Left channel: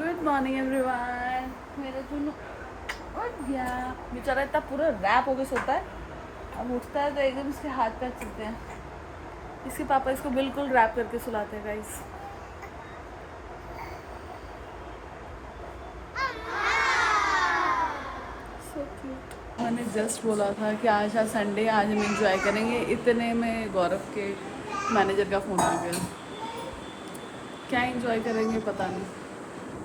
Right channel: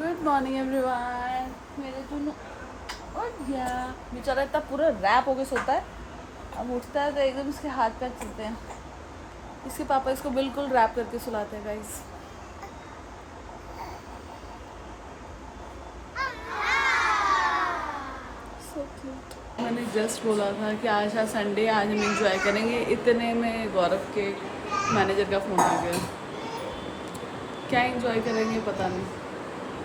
Good morning everyone. मेरे दोनों उठ गया बेचारा, इतना पूरा रैप होके सोता है। अब उठता है तो एकदम इसके हाथ पैर चलते हैं। इसके पापा इसको बिल्कुल रैप करके सुलाते हैं गाइस। So cute. मैंने जस्ट बोला था कि आज संडे, आज हम एंजॉय करेंगे, इतने में गौरव के मैनेजर का फ़ोन आ गया। क्या एंजॉय करेंगे पता नहीं,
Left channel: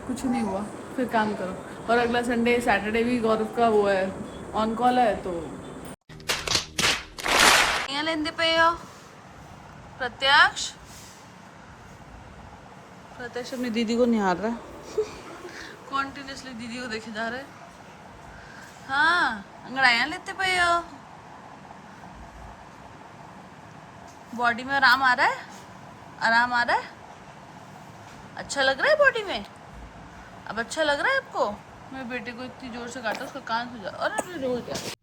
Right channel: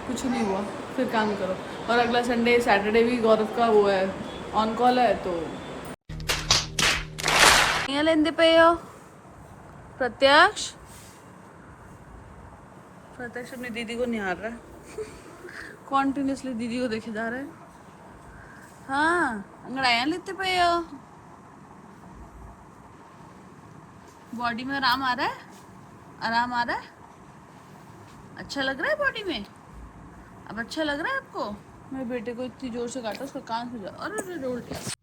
कुछ नहीं हुआ। फिर काम करो। और अगला संडे सैटरडे भी गौरव का वो है, ऑन कॉल है। तो लेंदे पे हो प्रत्यक्ष अपनी दीदी को निहार रहा है। कॉन्टिन्यूसली दीदी को देखे जा रहे हैं। हाँ, अंगड़ाइयाँ लेते पे हो। बॉडी में आराम आ रहा है? आराम आ रहा है? अच्छा लग रहा है बॉडी में? अब अच्छा लग रहा है आपको? मेरे बेटे को इतनी जोर से काटा, उसका कान हो जा। अरे रोज जाए।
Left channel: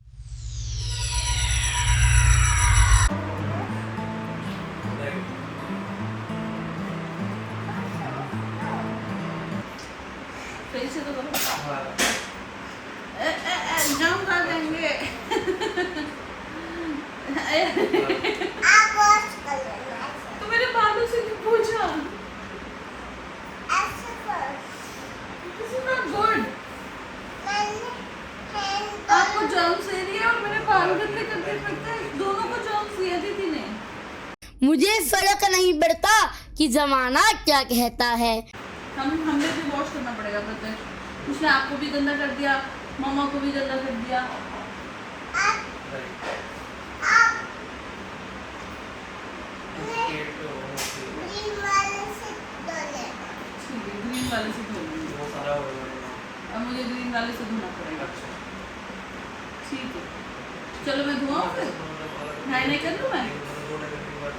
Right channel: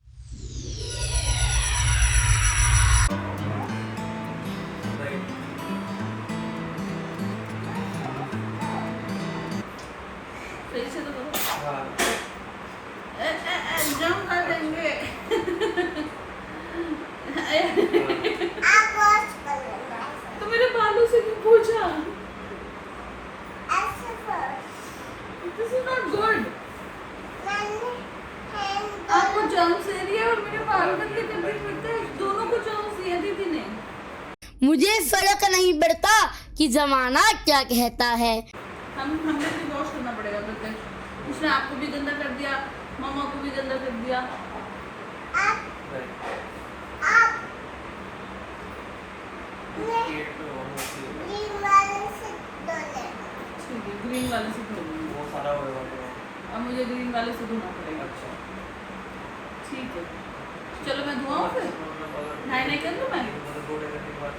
सही से तो करो। जंप कर देंगे। तो मेरे बालों से क्यों पूछा? This is not good. आपको जर्म्स दे रही है और मैंने बाल गंदे करके रखता है। दोनों को जर्म्स दिया दीदी ने। मुझे फर्क नहीं पड़ता कि जमाना क्या कहता है। हमने भी वॉश करना पड़ेगा प्रत्यक्ष। उसने आपको भी गंदा कर दिया, मामा को भी गंदा कर दिया। ग्रीन वाले से धोना। अब मुझे ग्रीन वाले से धोना पड़ेगा। ठीक है, चलो मैं धोआऊं फिर। नहीं कर लूं मैं।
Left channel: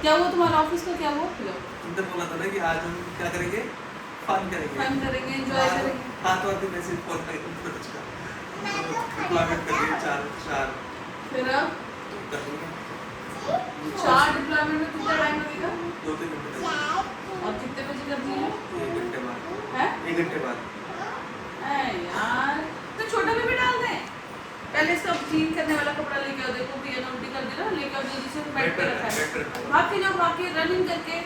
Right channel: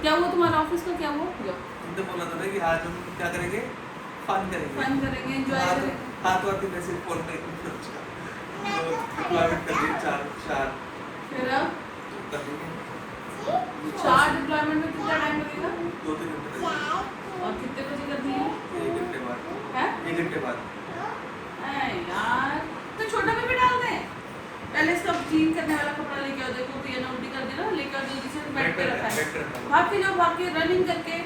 क्या वो तुम्हारा ऑफिस का क्या वो तुमने बोला था ना कि आज हम क्या करेंगे? फन करेंगे, एंजॉय करेंगे। हाथ वाथ में सिर्फ फोन पे डिप्लॉयमेंट कर दिए चार। फिर अब कर दूंगा 4 डिप्लॉयमेंट में कितना टाइम लगेगा? 2-3 घंटे तक। और कितने बजे करनी है? 1 घंटे बाद। हैं? 1 घंटे बाद। यार तो छोटा भी डाल दें। पहले इसका क्लीन करने वाला कपड़ा लेके आओ। देखो पिया ने उल्टी कर दी ना, लेके आओ जल्दी से। बेड पे रखा है। भाग के जाओ, भाग के रनिंग करके।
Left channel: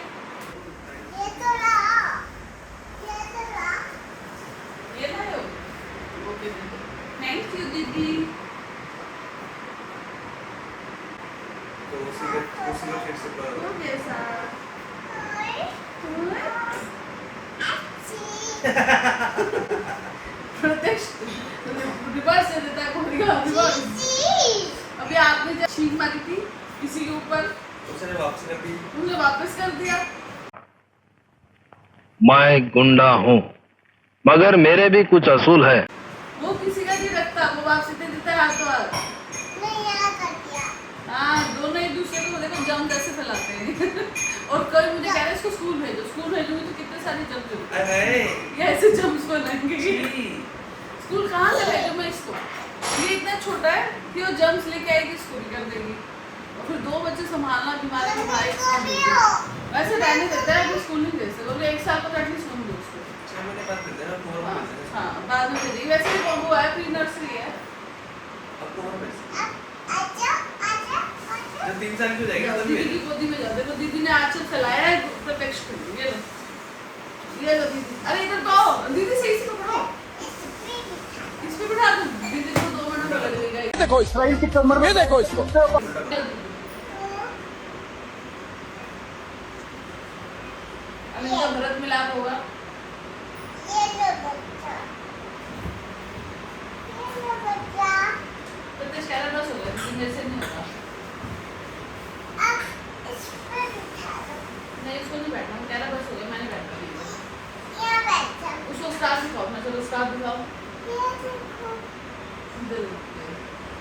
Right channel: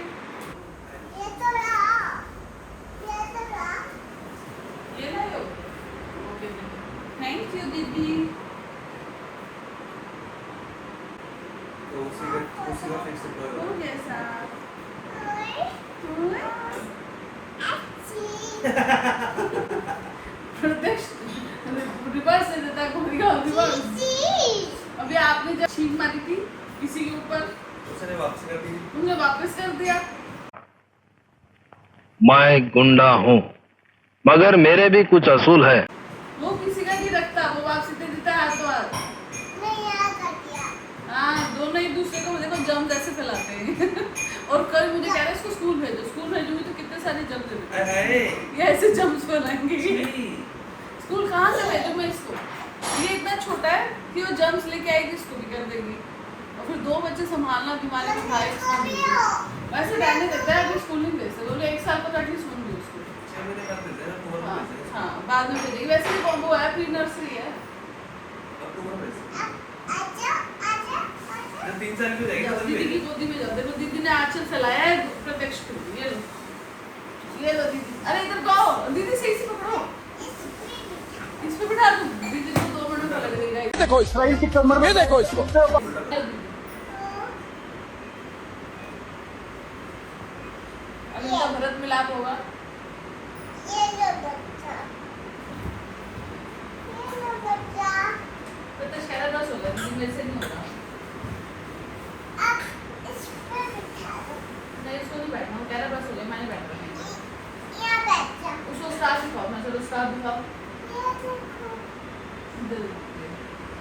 ये ला लो। ओके, थैंक यू दीदी। तो उसी का फिर से हो जैसा प्रत्यक्ष रिवर्स दे देता है। रिवर्स। अभी आपने जब छींक मारी थी किसी के ऊपर, उसने वापस कर दी। तुमने वापस कर दिया। मैं गुंडा हूँ, मगर मेरे भी कुछ असूल है। वो किसी का नहीं रखता, वो वापस दे देता है हाथों हाथ। हाँ, दोनों एक दूसरे को देखो जम ऐसे फैलाते हैं। और कल मुझे कह रहे इसको स्कूल भेजो। स्कूल भेजूंगी तो कितने सारे जम्स होंगे। ये ऐसे जम्स बनाएंगे। स्कूल कहाँ से भेजूं मैं इसको? ये इतना छोटा है कि वो जम्स लेके आएगी, स्कूल कर देगी। और फिर 2 बच्चे संभालना बीमारी में भाई। वैसे रहने देता है, अभी स्कूल नहीं भेज सकते। बोले 1 साल का एटलीस्ट होंगे उसको। हाँ, बाद में भेजेगी। वैसे भी वो है, प्री नर्सरी है। 3 साल की हो जाएगी। दीदी की गोदी में जाओ। देखो दीदी ने आंचल फैलाया है प्रत्यक्ष पे। ये लो, ये लो दीदी। अरे इधर को आओ दीदी, सही से पकड़ो। इस पे बिठा दो दीदी को। 2 मिनट में लगेगा। देखो इसराइल की कमर में, देखो इसको। अब इनका भरत मिलाप होगा। प्रत्यक्ष कह रहा बस हो गया, दीदी मेरे से नहीं होता। नहीं, इसको नहीं बैठना। वो कह रहा बस हो गया, मैं नहीं बैठता। उसको स्टार दिखाओ। मैं चलो स्टार दिखाओ।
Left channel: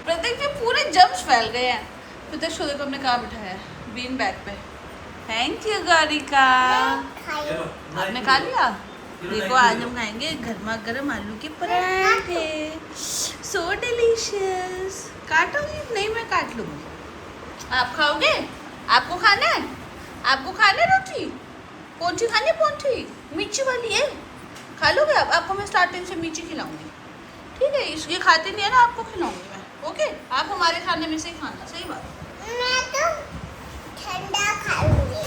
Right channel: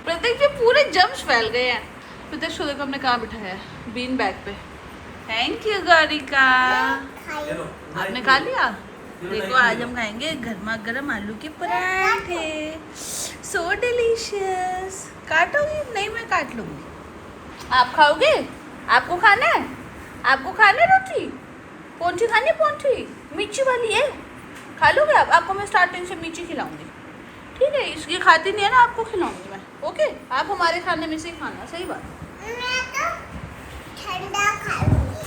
प्रत्यक्ष के पूरे जम्स फैल गए हैं। प्रत्यक्ष को देखो हमने कहाँ बिठाया है? बीन बैग पे। Thank you Gaurika. आपने खा लिया? देखो आज हम खाएंगे गर्मा गर्म आलू के पराठे। So delicious. काटोगी? नहीं, मैं काट लूंगी। आप खाओगे? आपको खाना है? आपको खाना है रोटी? पोंठी खानी? पोंठी मीठी वाली है? खा लोगे आप? आपको मैं स्टार्टिंग से मीठी खिलाऊंगी, ठीक है? ये खाती नहीं है ना, आपको खिलाऊंगी मैं, ओके? आप हमारे खाने में से ही खाना, सही बात? मैं तो ठंडा खाऊंगी।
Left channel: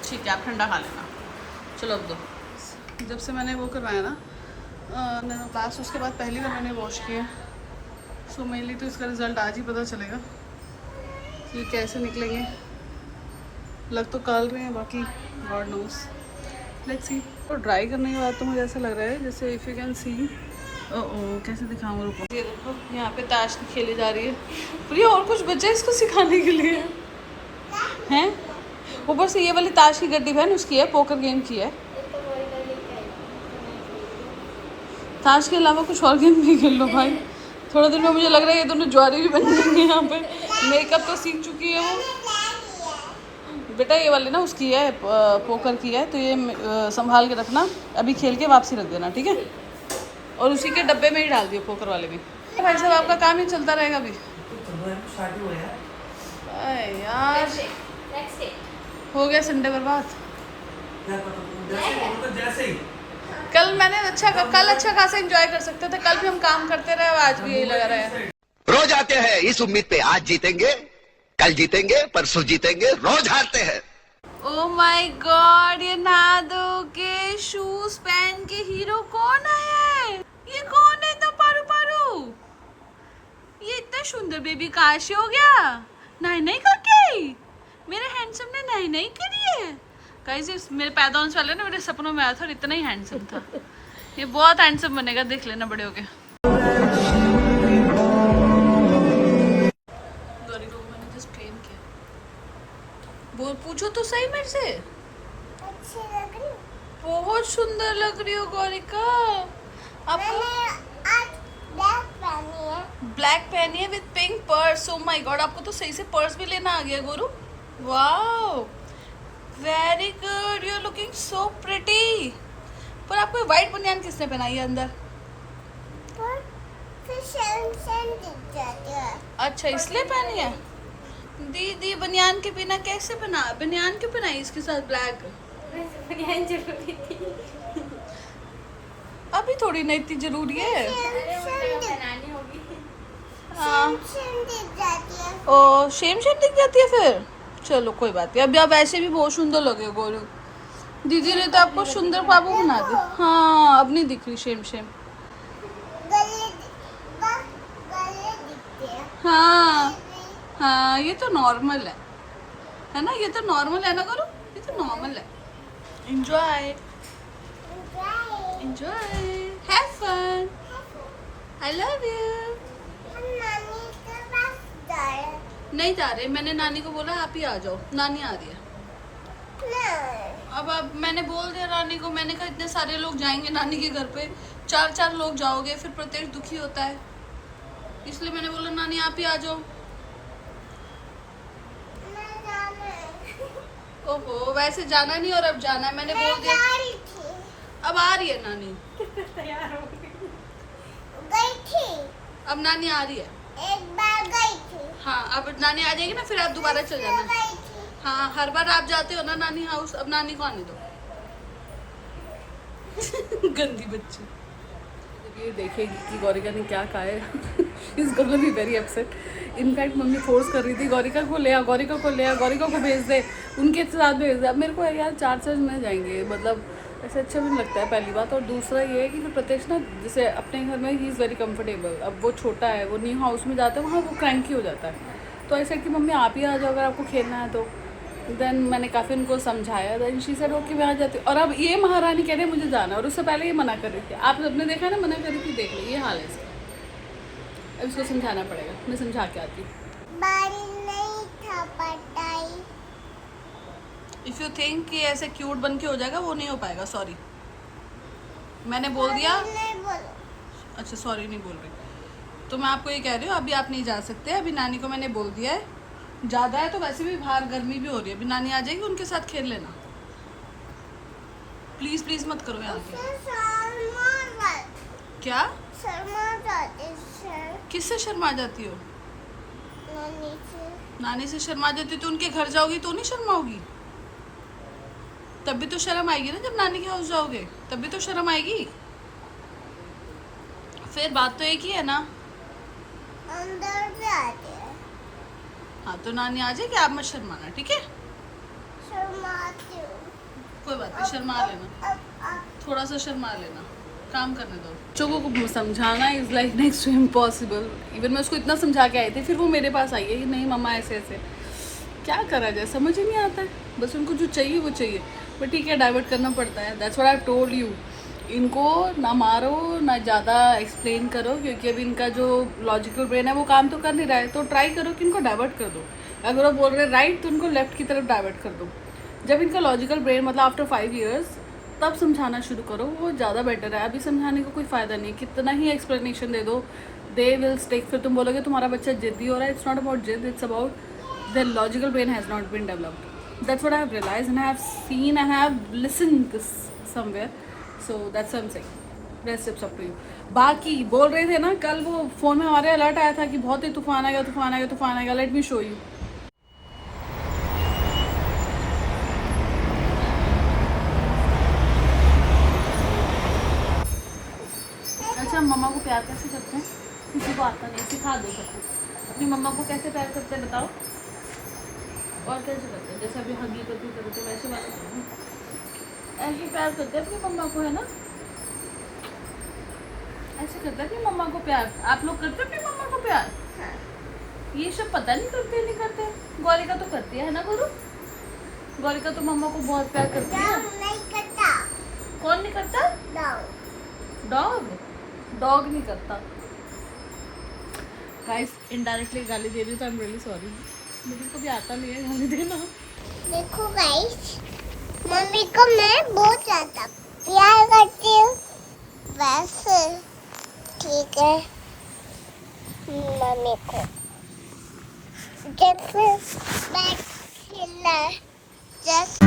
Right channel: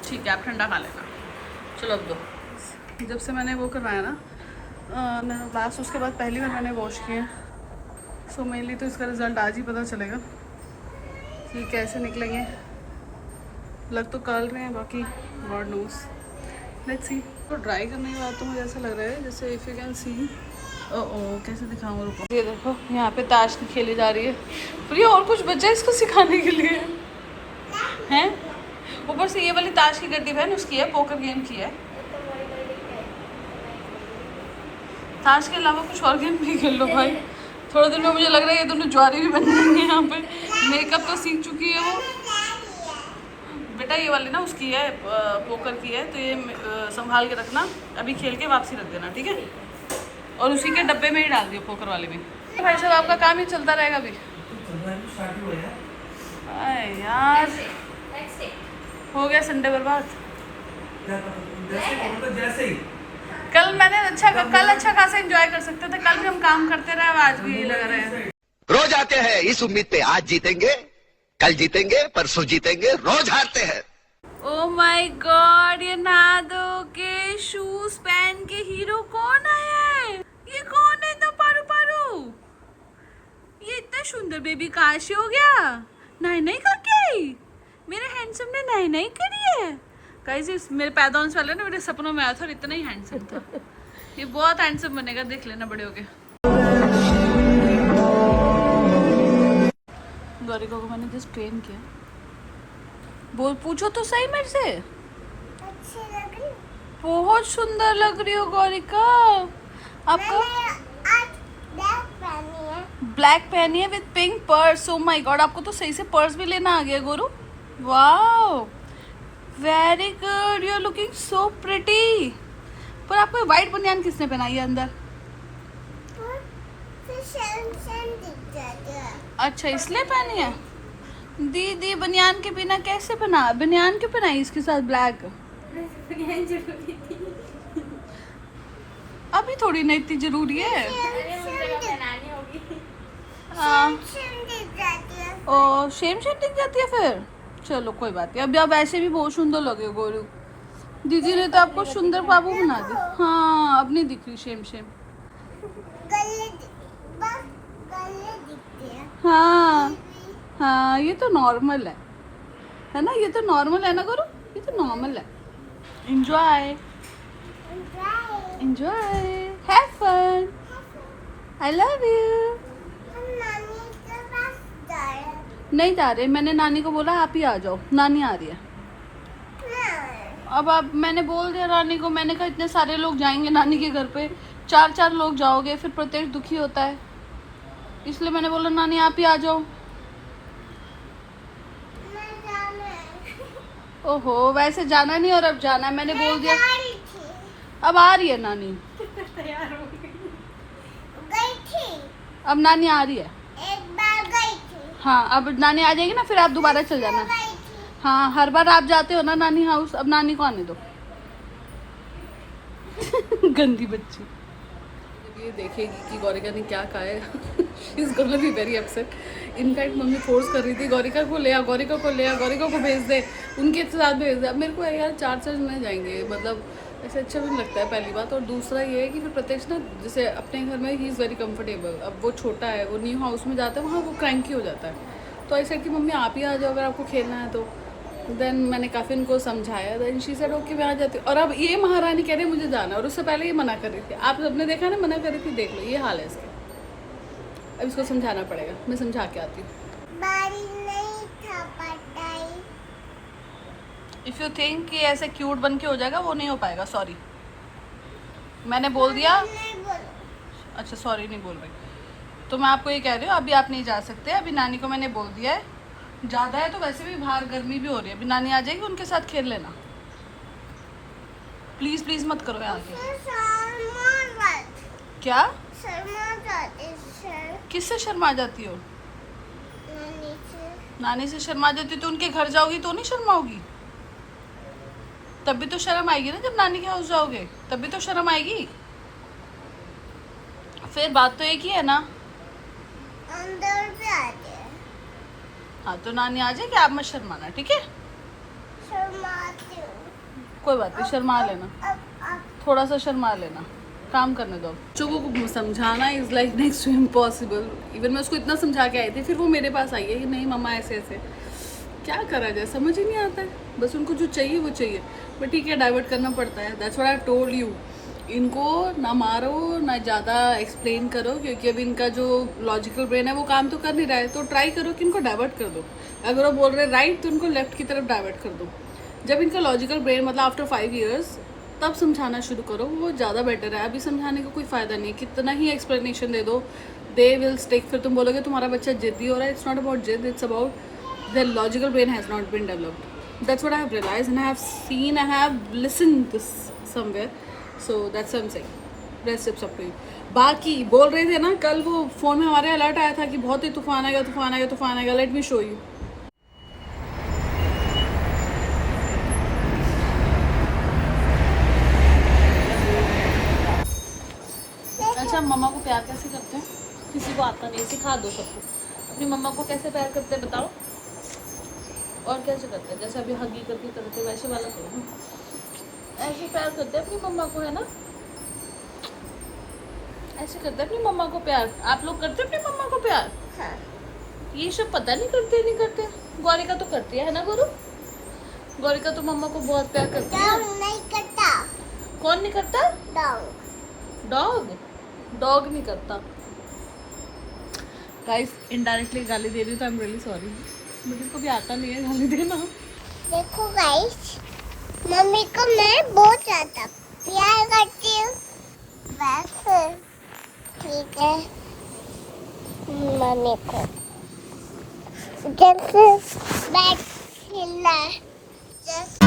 ठीक है, आप ठंडा खा लेना। चलो अब दो। जब से मैंने वो करवाया ना लास्ट, उसके बाद पहली बार मैंने वॉश किया, सो मेनली तो इसका रिज़ल्ट आज ही पता चलेगा कि कैसे निकलेंगे। लग तो काल रहे हैं, बाकी गॉड नोस, लेट्स सी। तो ड्राई करने के बाद तो मुझे ऐसा लग रहा है जैसे इफ़ यू कैन सी, ओ कैसे दिखाऊँ, रुको। ये देखो यहाँ पे ताश खेली जा रही है। प्रिया और कुछ बचा है इसको सिखाने के लिए हैं? ऊपर से ये वाली ताश की गड्डी बहन उसकी है, पोकर गेम की है। ताश के अलावा कुछ और गेम भी खेल लो भाई। थोड़े दिन में मुझे लग रहा है ये दोनों ज्वारी भी बन जाएंगे यहाँ पे। मेकअप तो सीख चुकी है वो। बेटा ये वाली ना उसकी है, पोकर की है, तो ये संभाल के रखना, अभी खेल के वापसी रख देना, ठीक है? और उसी के डब्बे में ही डाल दियो, पोकर वाले में। भाई साहब आपका काम ही चलता रहेगा अभी। अरे यार हो गया संडे बर्बाद। कल मैंने अच्छा खासा एंजॉय कर सकते थे, कल भी हम काम करते रहे, आज भी यही लगा रहा है। रोज आते हैं इस उम्मीद पे, आज जीतेंगे, कल जीतेंगे, परसों जीतेंगे, रोज हारते हैं। ओ माय गॉड, ये नहा धो के शूज पहन के हीरो कौन आया है? ये कौन है इतना पारू पारू? ये इतना सुंदर बेबी कहाँ से हो गया? नहीं नहीं करके मेरे हैंडसम ने नहीं नहीं करी है। गाइस मेरे पैदा होने से पहले ना मेरे सपनों में आया था और इतना ही हैंडसम था। ये बहुत हैंडसम बनेगा, देख लेना बड़े होके। गौरिका को मैंने जस्ट ट्रेन किया। बोल, पूछो तो सही मेरे से। अच्छी लग रही। बहुत सुंदर लग रही हो गौरिका। आपको आज ब्लैक पहनी है। ब्लैक पहनी है with pink purse. Oh my God, आपको तो सही से पर्स भी लेना आ गया गोरू। Wow, very good, you are looking so pretty. पर आपको व्हाइट बनियान किसने पहनाई है अंदर? पर फिर शेम दिख जाती है। अच्छा इसलिए पहनी है। दीदी बनियान के बिना कैसे बना, बनियान क्यों पहनाई इसके साथ ब्लैक? बनियान जरूरी थी। अभी थोड़ी ना इतनी जरूरी है। शेम दिख जाती है। ओ शेम दिख जाती है फिर। चलो कोई बात नहीं, अभी आप ऐसे भी बहुत सुंदर लगे गोरू। दीदी ने तो आपको सुंदर बाबू बना दिया। हाँ अब नहीं दिख रही शेम। गले दिखते हैं। हाँ ये तो नॉर्मल है ना? ये तो नॉर्मल है ना गोरू, ये तो नॉर्मल है। Enjoy have fun, I love you. हम नानी के पास जा रहे हैं। नहीं जा रहे, मैंने नानी को बोला आप ही आ जाओ, नानी आ रही है। अब आप, मैंने बोल दिया नानी को, मैंने कहा इतने सारे लोग जाएंगे नानी के घर पे, 4 लोग जाओगे, फिर प्रत्येक दुखी होता है, इसलिए मैंने बोला नानी आप ही आ जाओ। मैं जाना है। ओहो, वैसे जाना नहीं और अब जाना है, मैंने बोल मैं दिया। जा रही थी। अब आ रही है नानी। तैयार हो गई थी। अब नानी आ रही है। एक बार गई थी। हाँ अब नानी आ जाएगी ना, फिर आप दोबारा चल जाना। गई थी। हाँ हर बार आप जाते हो ना नानी हाउस, अब नानी को आने दो। गंदी बच्ची। ये देखेगी कि गौरिका ने क्या कहा है। इस गोना भी very upset. In fact mummy force कर रही थी गौरिका को ले आ, गौरिका को भेज दे, उनके साथ भेज दे। अब मेरे को यार 4 जने जाएंगे, मतलब ऐसे अच्छा भी नहीं लगता है, पहली बात। और दूसरा ये है कि फिर प्रत्यक्ष ना जैसे अपने घर में ही इज़ वेरी कंफर्टेबल। अब वो छोटा है, वो न्यू हाउस में जाता है, वहाँ वो क्रैंकी हो जाता है। तो ऐसा कि मम्मी आप ही आ जाओ अगर आपको खेलना है तो। देन मैंने काफ़ी उनको समझाया, देन शी सेड ओके मैं आ जाती हूँ। और अब ये महारानी कह रही है मुझे जाना, और उससे पहले ये मना कर रही थी। आप सबने देखा ना, मना कर रही थी, देख लो ये हाल है इसका। अब इसको समझाना पड़ेगा, मैं समझा के आती हूँ। बारिश नहीं था पटाई। इफ़ यू थिंक कि ऐसे क्यूट बन के हो जाएगा, वो नहीं हो पाएगा, सॉरी। मैंने बोल दिया। नहीं बोलो। अच्छा सॉरी नहीं बोल रही, तो मैं आपको ये कह रही हूँ अभी आप नहीं जा सकते। अभी नानी को मैंने बोल दिया है, ज़्यादा है तो वैसे भी बाहर गर्मी भी हो रही है, अभी नानी आ जाएगी, उनके साथ खेल लेना। प्लीज़ प्लीज़ मत करो यहाँ के। क्या? शर्मा जाती सर। किससे शर्मा जाती हो? नानी से। नानी से शर्मा जाती हो तो उनके घर जाओगी तो नहीं शर्माओगी? तब भी तो शर्म आएगी ना, जब नानी के हाउस जाओगे तब भी तो शर्म आएगी। फिर बात तो एक ही है ना। अंदर भी आते हैं। हाँ तो नानी आ जाएगी, आप मत शर्माना, ठीक है? शर्माती हूँ। कोई बात नहीं, शर्मा लेना, अब थोड़ा सा शर्मा लेना, काम करने दो। बच्चों को समझाना is like next to impossible. Even मैं उसको इतना समझा के आई थी, फिर वो मेरे पास आई है कि नहीं मम्मा ऐसे ऐसे। क्या करा जाए, समझ ही नहीं आता है। बस उनको जो चाहिए वो चाहिए, बट ठीक है, डाइवर्ट करना पड़ता है। That's what I have told you. इनको ना मारो ना ज़्यादा एक्सप्लेन करो, क्योंकि अभी इनका जो लॉजिकल ब्रेन है वो काम तो कर नहीं रहा है। तो ट्राई करो कि इनको डाइवर्ट कर दो। अगर वो बोल रहे राइट तो उनको लेफ्ट की तरफ डाइवर्ट कर दो। जब इनका लॉजिकल ब्रेन मतलब आफ्टर 5 years तब समझाना शुरू करो, वो ज़्यादा बेटर है। अभी समझाने का कोई फ़ायदा नहीं, कितना ही एक्सप्लेनेशन दे दो, दे विल स्टिक। फिर तुम बोलोगे तुम्हारा बच्चा जिद्दी हो रहा है। इट्स नॉट अबाउट जिद, it's about the logical brain has not been developed. That's what I have realised and I have seen and I have listened this somewhere. So that's what I am saying. Rest it's up to you. बाकी बोल रहे थे ना, कल वो phone में हमारे alert आया था कि बहुत ही तूफान आएगा, तूफान आएगा, तूफान आएगा। Let me show you. अच्छा, मम्मा को प्यार कैसे करते हैं? किसी को आता नहीं, सिखा दो सबको। अपनी मम्मा को कैसे प्यार करते हैं बताओ। और कैसे करते हैं? जैसे अभी हगी करती करते वैसे वाला करो ना। ऐसे प्यार करते हैं अपनी मम्मा को, है ना? ऐसे करते हैं अपनी मम्मा को प्यार। आप लोग करते हैं अपनी मम्मा को प्यार? ये सब पता नहीं करते नहीं करते। गौरिका तो करती है ना गुरु? गौरिका तो मम्मा को बहुत प्यार करती है। नहीं करता। कौन नहीं करता? डॉग। डॉग? डॉग नहीं करता। गाइस इनडायरेक्टली गाली दे रही हूँ तो आई एम रियली सॉरी। मुझे कभी आता नहीं है गाली देना। देखो गाइस, मम्मी को मैं बहुत ज्यादा प्यार करती हूँ। वैसे ठीक है, मम्मी को जब बैठ खेलना है जस्ट